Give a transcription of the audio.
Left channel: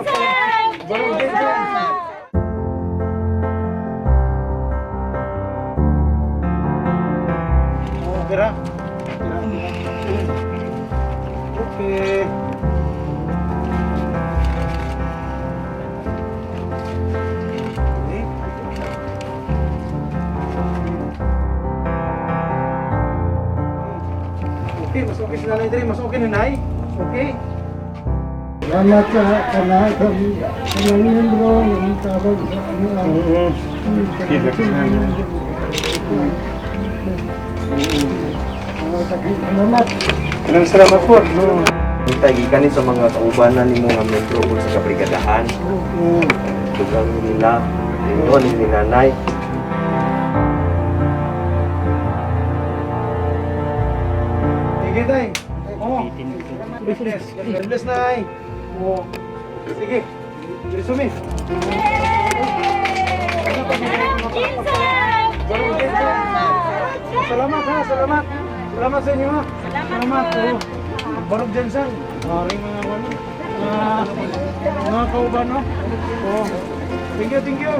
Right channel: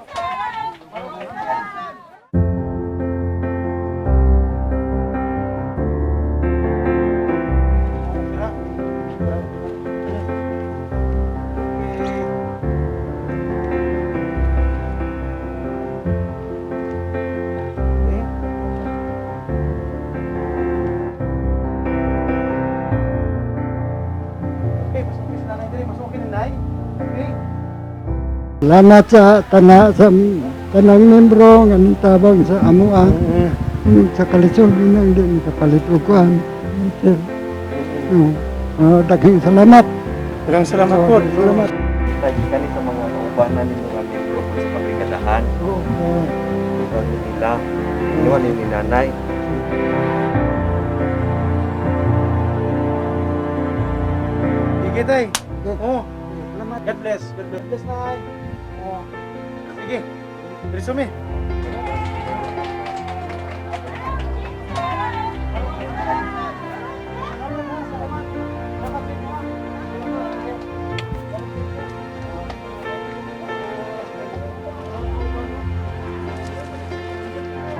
Barong Jensen! Tira. Okay. Okay, mas okay si Nanay Dre, mas okay ni Nay. Okay. Salamat sa kanang membro ng tabang sa amuang sa kalisod niya hindi makapalipukuan. Daghang salamat. Maraming salamat po. Tagikan sa mga kaubanan ni mga membro sa kabrigadahan. Tugang nila, ninyo, ni nanay. Sige, Tay. Oh. God bless. God bless, Nay. Oh. Sige. Resume. Salamat ha, salamat. Salamat sa inyo ha. Salamat. Oh. Barong Jensen. Maraming mga kauban, no? Oh. Thank you, thank you.